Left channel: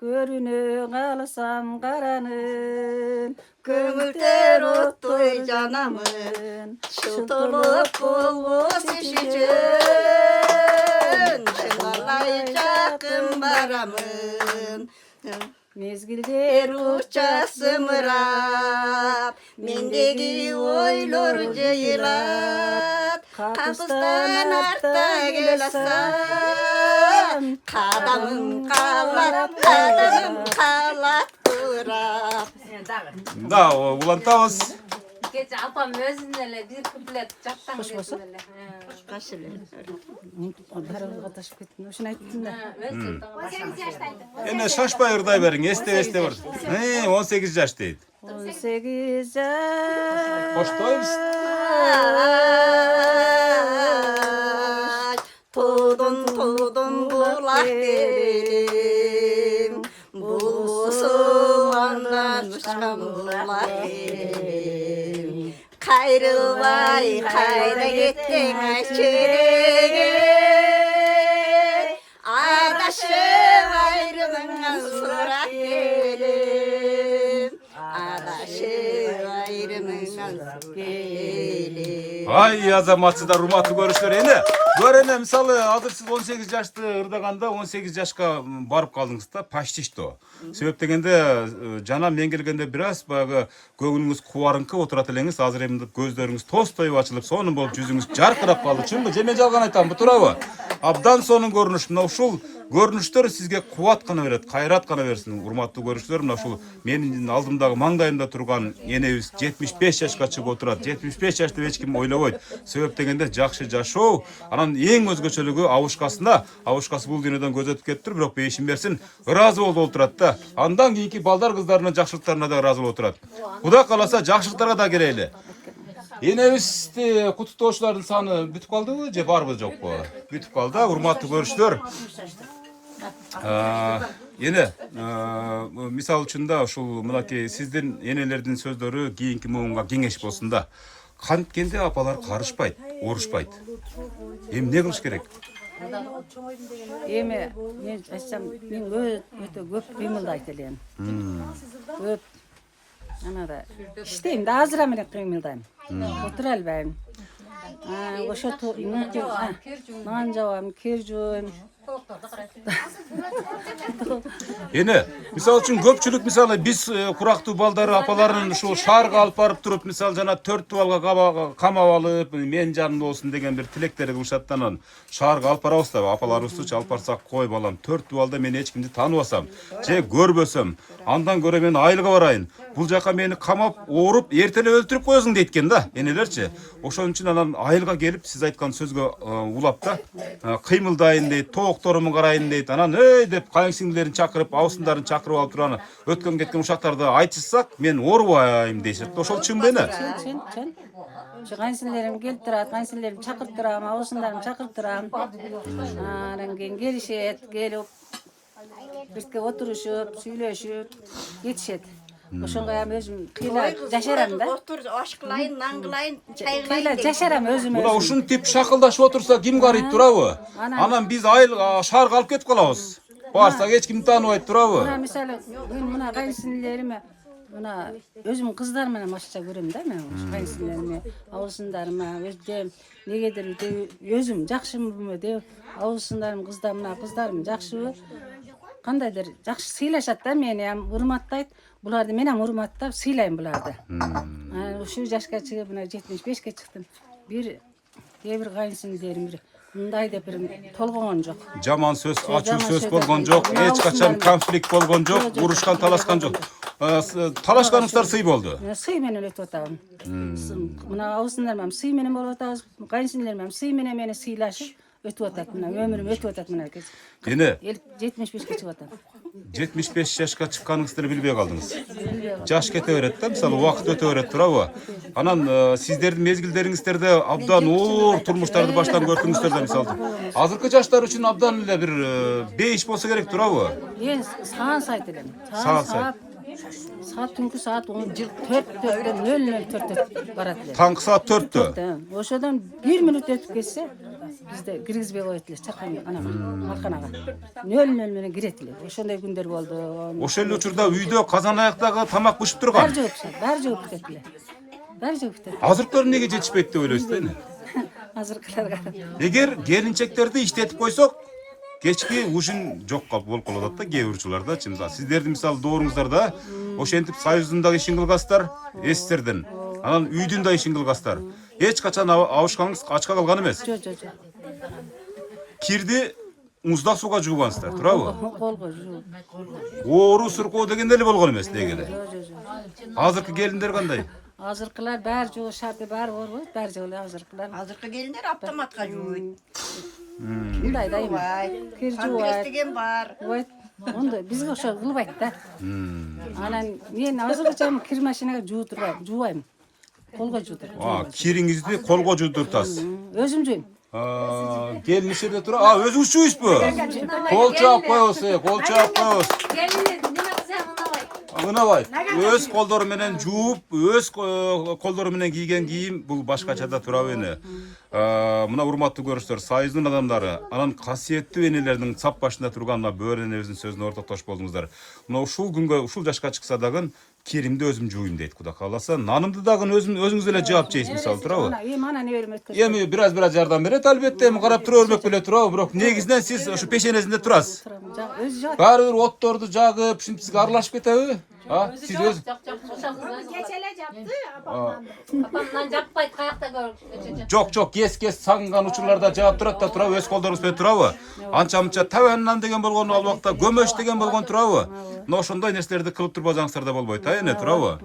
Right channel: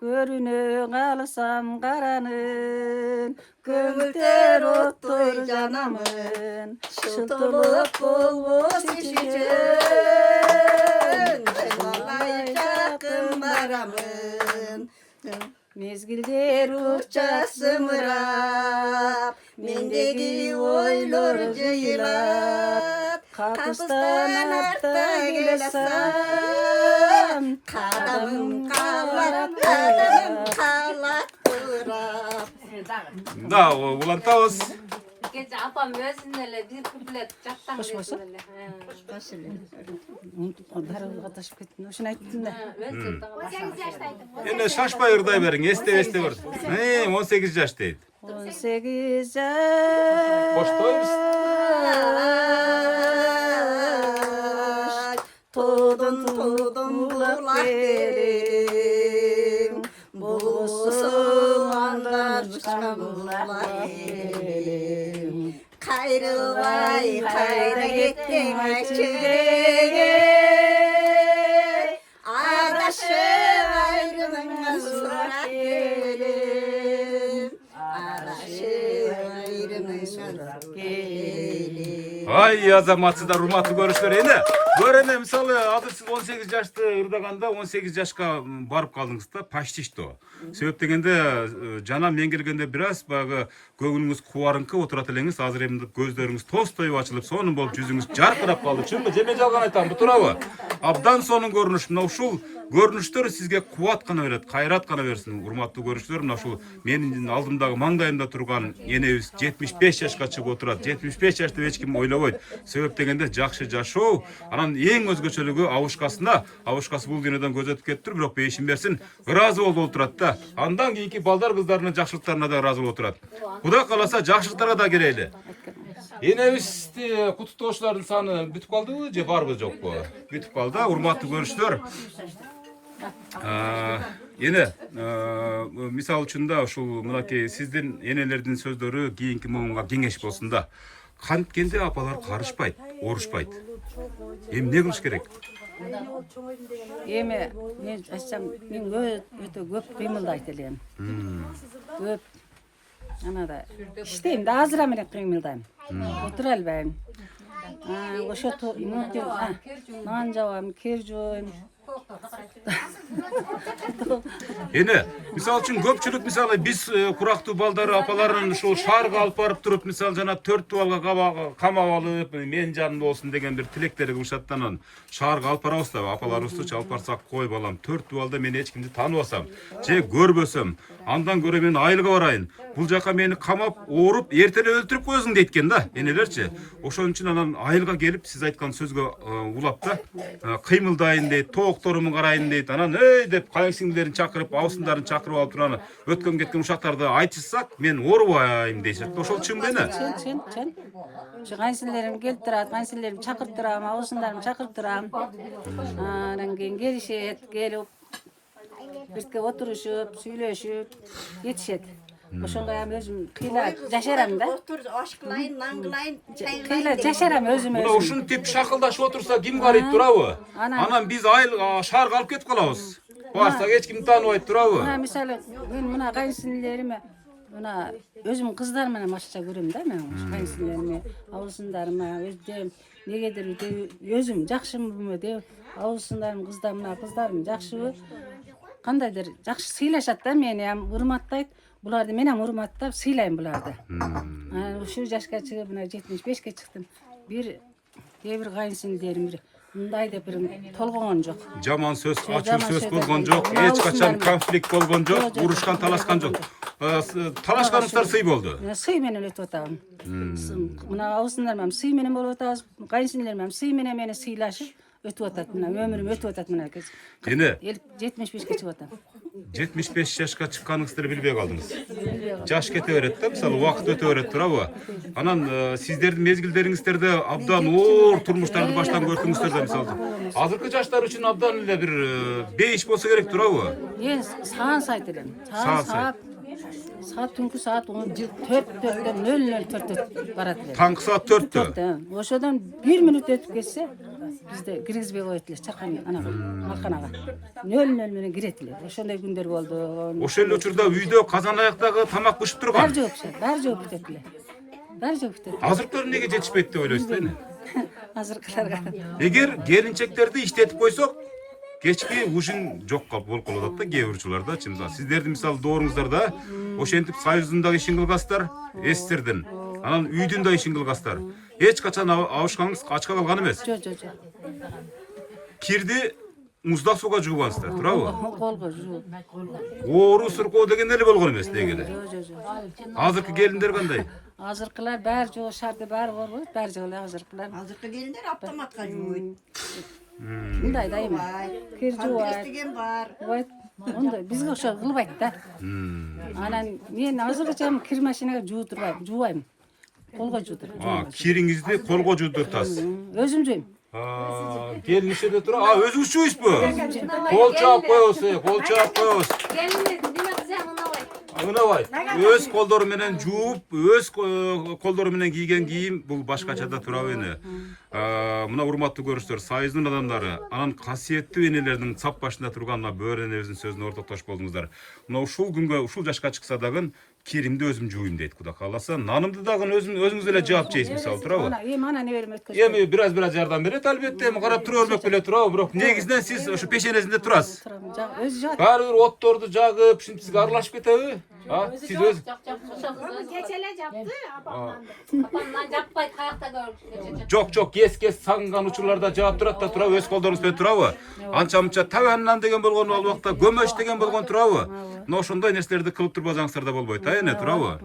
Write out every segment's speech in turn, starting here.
Görüne kalsam karanın, kömülter ottur canamın. Şıltılık bulmuş içicen, şınalay çakın baramın. Mezgilder uçak sımırap, mendeki oylor ceylat. Kapıstan artta gelesem, kadamım kalak durap. Da ulantavız. Gece apam özünle bir kuplet çaktan Hoş olsa? Kaşılı. Darıga taşıp kettin. Oşun ayttın da. 18 yaştaydı. Ene şaşpay ırday verin. Este var. 18 yaş değil. 18 yaş. Hoştoyuz. Tudun bulak derim. Bulsumandan çıkan bulak derim. Kayrılvay kayra gittin açıge. Adaşım ayrımından sorak gelim. Adaşım ayrımından sorak gelim. Ay azamatsızlar rumatlı görüşler ene. Görene misalı hazır siz 18 yaşta ırdaganda 18 yaşka barıp kaldınız da paşti işte o. Sebep degende jana men gelgende biraz bağı көңүлүңүз кубарыңкы отурат элеңиz азыр эми көздөрүңүз тостоюп ачылып сонун болуп жүзүңүз жаркырап калды чынбы же мен жалган айтам бу туурабы абдан сонун көрүнүш мына ушул көрүнүштөр сизге кубат гана берет кайрат гана берсин урматтуу көрүүчүлөр мына ушул менин алдымдагы маңдайымда турган энебиз 75 жашка чыгып отурат 75 жашты эч ким ойлобойт себеп дегенде жакшы жашоо анан эң өзгөчөлүгү абушкасы бул дүйнөдөн көз өтүп кетиптир бирок бейишин берсин ыраазы болуп отурат да андан кийинки балдар кыздарынын жакшылыктарына да ыраазы болуп отурат Куда каласа жакшылыктарга да келели. Энебизди куттуктоочулардын саны бүтүп калдыбы же барбы жокпу? Бүтүп калды, урматтуу көрүүчүлөр. Эне мисал үчүн да ушул мынакей сиздин энелердин сөздөрү кийинки муунга кеңеш болсун да. Канткенде апалар карышпайт, урушпайт. Эми эмне кылыш керек? Эми мен айтсам мен өтө көп кыймылдайт элем. Көп Anada işteyim de azıra mı kıymıldayım. Otur elbeyim. Oşa nancavam, kircun. Ene, misal üçün köpçülük misалы biz kuraqtуу baldары апаларын ушул шаарга алып барып туруп мисалы жана 4 туалга камап алып мен жанымда болсун деген бир тилектери кылышат анан шаарга алып барабыз да апаларыбызды алып барсак кой балам 4 туалда мен эч кимди тааныбасам же көрбөсөм андан көрө мен айылга барайын бул жака мени камап ооруп эртең өлтүрүп коесуң дейт да энелерчи ошон үчүн анан айылга келип сиз айткан сөзгө улап да кыймылдайын дейт тоокторуму карайын дейт анан эй деп кайынсиңдилерин чакырып абысындарын чакырып алып туруп аны өткөн кеткен ушактарды айтышсак мен оорубайм дейшет ошол чынбы эне чын кайынсиңдерим келип турат кайынсиңдеримди чакырып турам абысындарымды чакырып турам анан кийин келишет келип бирге отурушуп сүйлөшүп кетишет ошонго эми өзүм кыйла жашарам да Ашкылайын, наңгылайын, кыйла жашарам өзүм мына ушинтип шакылдашып отурса ким карыйт турабы анан биз айыл шаарга алып кетип калабыз барсак эч ким тааныбайт турабы мына мисалы мен мына кайынсиңдилериме мына өзүм кыздарым менен башкача көрөм да мен кайынсиңдилериме абысындарыма өздөрүм негедир өзүм жакшымбы деп абысындарым кыздарым жакшыбы кандайдыр жакшы сыйлашат да мени урматтайт буларды мен урматтап сыйлайм буларды ушул жашка чыгып мына 75ке чыктым кээ бир кайынсиңдилерим мындай деп бир толгогон жок жаман сөз ачуу сөз болгон жок эч качан конфликт болгон жок урушкан талашкан жок талашканыңыздар сый болду сый менен өтүп атабыз мына абысындарым сый менен болуп атабыз кайынсиңдилерим сый менен мени сыйлашып өтүп атат мына өмүрүм өтүп атат мына эне 75ке чыгып атам 75 жашка чыкканыңызды билбей калдыңыз жаш кете берет да мисалы убакыт өтө берет турабы анан сиздердин мезгилдериңиздерде абдан оор турмуштарды баштан көрдүңүздөр да мисалы азыркы жаштар үчүн абдан эле бир бейиш болсо керек турабы саат сайт элем саат түнкү саат 4:04 барат эле таңкы саат 4-тө ошодон 1 мүнөт өтүп кетсе бизде киргизбей коет эле чаркан анага малканага. Нөл менен кирет эле. Ошондой күндөр болду. Ошол эле учурда үйдө казан аяктагы тамак бышып турган. Баары жооп кетет эле. Баары жооп кетет. Азыркылар эмнеге жетишпейт деп ойлойсуз да эне? Азыркыларга. Эгер келинчектерди иштетип койсок, кечки ушун жокко болуп калат да кээ бир учурларда. Сиздердин мисалы дооруңуздарда ошентип союздун дагы ишин кылгасыздар, эстердин. Анан үйдүн да ишин кылгасыздар. Эч качан абышкаңыз ачка калган эмес. Жок. Кирди муздак сууга жуугансыздар, туурабы? Колго жууп. Оору суркоо деген эле болгон эмес дегеле. Жок. Азыркы келиндер кандай? Азыркылар баары жоо шарды баары борбойт, баары жоо эле азыркылар. Азыркы келиндер автоматка жууйт. Мындай да эми. Кир жуубайт. Деген бар. Жуубайт. Онда бизге ошо кылбайт да. Анан мен азыркыча кир машинага жуубайм. Колго жуудурам. Кириңизди колго жуудуртасыз. Өзүм жууйм. Келин ишеде тура. Өзүңүз жууйсузбу? Кол чаап коебуз, кол чаап коебуз. Келине неме кылсаң ынабайт. Ынабайт. Өз колдору менен жууп, өз колдору менен кийген кийим бул башкача да турабы эне. Мына урматтуу көрүүчүлөр, союздун адамдары, анан касиеттүү энелердин сап башында турган бөөр энебиздин сөзүнө ортоктош болдуңуздар. Мына ушул күнгө, ушул жашка чыкса дагы киримди өзүм жууйм дейт Кудай кааласа. Нанымды дагы өзүңүз эле жаап жейсиз мисалы турабы? Ана неберем өткөзөм. Эми бираз жардам берет албетте, эми карап тура бермек беле турабы, бирок негизинен сиз ошо пешенесинде турасыз. Өзү жаат. Баары бир отторду жагып, ушинтип сизге аралашып кетеби? Сиз өз Кечеле жапты апамдан. Апамдан жаппайт каякта көрүп. жок, кес сагынган учурларда жаап турат да турабы, өз колдоруңуз менен турабы? Анча-мынча табаннан деген болгон ал убакта көмөч деген болгон турабы? Мына ошондой нерселерди кылып турбасаңыздар да болбойт, эне турабы?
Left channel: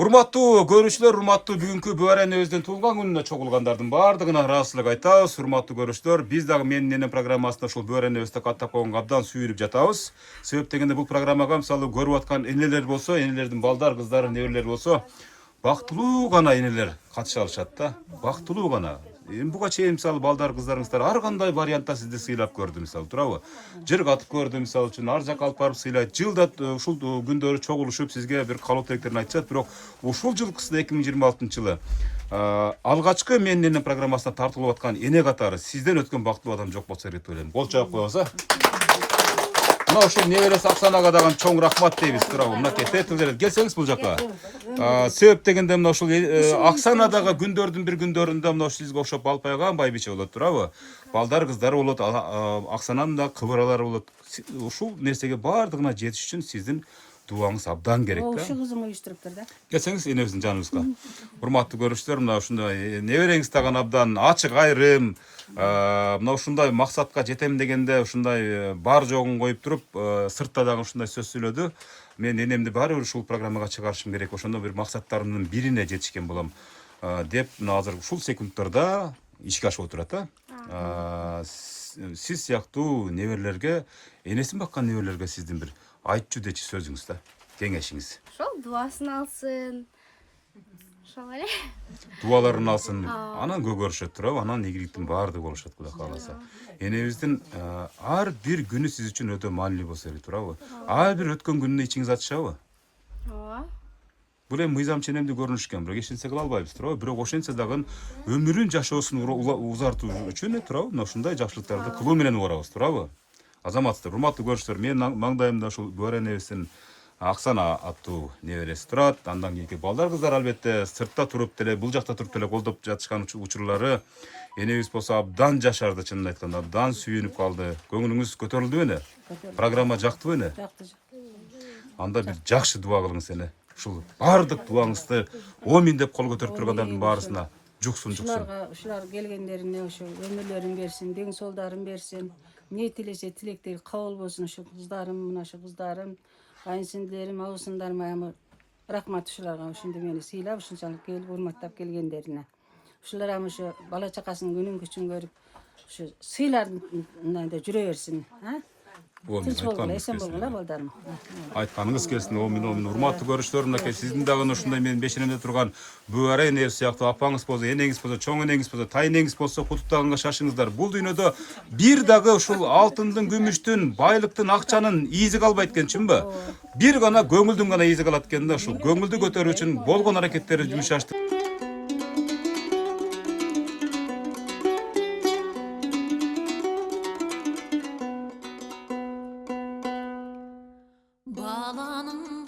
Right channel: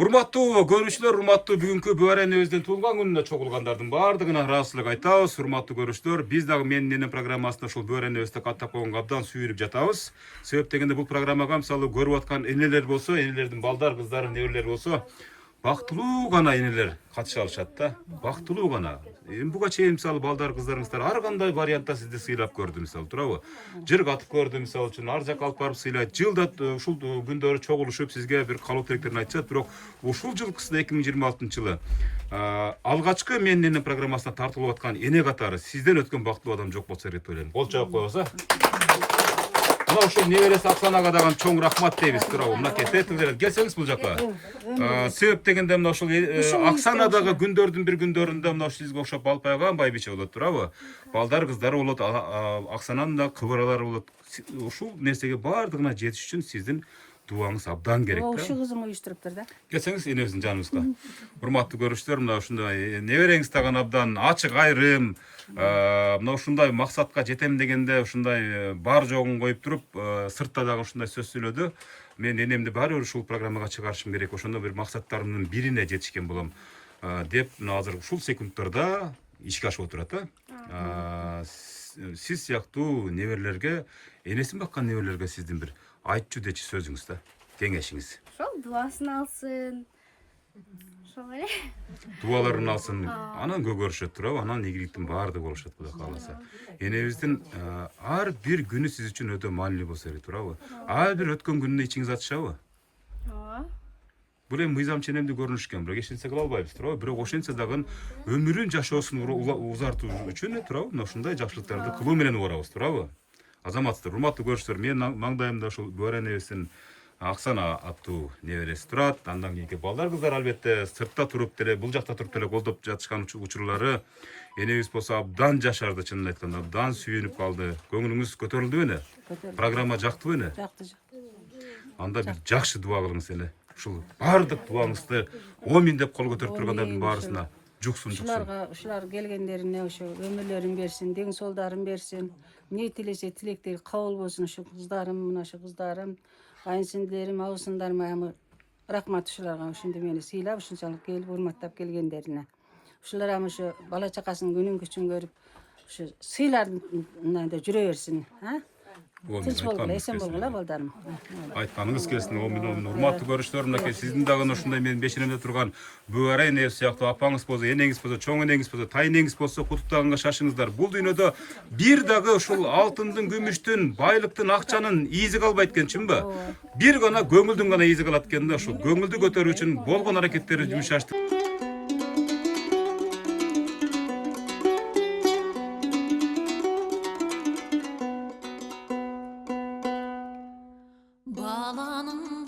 Урматтуу көрүүчүлөр, урматтуу бүгүнкү Бөөр энебиздин туулган күнүнө чогулгандардын баардыгына ыраазычылык айтабыз. Урматтуу көрүүчүлөр, биз дагы менин энем программасында ушул Бөөр энебизди каттап койгонго абдан сүйүнүп жатабыз. Себеп дегенде бул программага мисалы көрүп аткан энелер болсо, энелердин балдар, кыздары, неберелери болсо, бактылуу гана энелер катыша алышат да. Бактылуу гана. Эми буга чейин мисалы балдар, кыздарыңыздар ар кандай вариантта сизди сыйлап көрдү мисалы турабы? Жыр катып көрдү мисалы үчүн, ар жакка алып барып сыйлайт. Жылда ушул күндөрү чогулушуп сизге бир каалоо тилектерин айтышат, бирок ушул жылкысында 2026-жылы алгачкы менин энем программасына тартылып аткан эне катары сизден өткөн бактылуу адам жок болсо керек деп ойлойм. Кол чаап коебуз, Мына ушул неберesi Аксанага дагы чоң рахмат дейбиз турабы. Мынакей Петрлер келсеңиз бул жака. Себеп дегенде мына ушул Аксанадагы күндөрдүн бир күндөрүндө мына сизге окшоп Алпайган байбиче болот турабы. Балдар, кыздары болот, Аксананын да кыбыралары болот. Ушул нерсеге баардыгына жетиш үчүн сиздин дуаңыз абдан керек да. Ошо кызым уюштуруптур да. Келсеңиз энебиздин жаныбызга. Урматтуу көрүүчүлөр, мына ушундай небереңиз дагы абдан ачык айрым, мына ушундай максатка жетем дегенде ушундай бар жогун коюп туруп, сыртта дагы ушундай сөз сүйлөдү. Мен энемди баары бир ушул программага чыгарышым керек, ошондо бир максаттарымдын бирине жетишкен болом деп мына азыр ушул секундтарда ишке ашып отурат да. Сиз сыяктуу неберелерге, энесин баккан неберелерге сиздин бир айтчу дечи сөзүңүз да, кеңешиңиз. Ошол дуасын алсын. Ошол эле. Дуаларын алсын, анан көгөрүшөт турабы, анан ийгиликтин баардыгы болушат Кудай кааласа. Энебиздин ар бир күнү сиз үчүн өтө маанилүү болсо керек турабы? Ар бир өткөн күнүнө ичиңиз ачышабы? Ооба. Бул эми мыйзам ченемдүү көрүнүшкөн, бирок эч нерсе кыла албайбыз турабы? Бирок ошентсе дагы өмүрүн жашоосун узартуу үчүн турабы? Мына ушундай жакшылыктарды кылуу менен убарабыз турабы? Азаматсыздар, урматтуу көрүүчүлөр, менин маңдайымда ушул Бөөр энебиздин Аксана аттуу небереси турат. Андан кийинки балдар, кыздар албетте сыртта туруп деле, бул жакта туруп деле колдоп жатышкан учурлары. Энебиз болсо абдан жашарды, чынын айтканда, абдан сүйүнүп калды. Көңүлүңүз көтөрүлдүбү эне? Программа жактыбы эне? Жакты. Анда бир жакшы дуа кылыңыз эне. Ушул баардык дуаңызды амин деп кол көтөрүп тургандардын баарысына жуксун. Ушулар келгендерине ошо өмүрлөрүн берсин, дең солдарын берсин. Не тилесе тилектери кабыл болсун. Ошо кыздарым, мына ошо кыздарым, кайынсиңдилерим, абысындарыма рахмат ушуларга, ушинтип мени сыйлап, ушунчалык келип урматтап келгендерине. Ушулар ошо бала чакасынын күнүн күчүн көрүп, ошо сыйларында жүрө берсин, Тынч болгула, эсен болгула балдарым. Айтканыңыз келсин, амин. Урматтуу көрүүчүлөр, мынакей сиздин дагы ушундай менин бешенемде турган Бөөр эне сыяктуу апаңыз болсо, энеңиз болсо, чоң энеңиз болсо, тайнеңиз болсо, куттуктаганга шашыңыздар. Бул дүйнөдө бир дагы ушул алтындын, күмүштүн, байлыктын, акчанын ийизи калбайт экен, чынбы? Бир гана көңүлдүн гана ийизи калат экен да. Ушул көңүлдү көтөрүү үчүн болгон аракеттерди жумшаштык. yalanım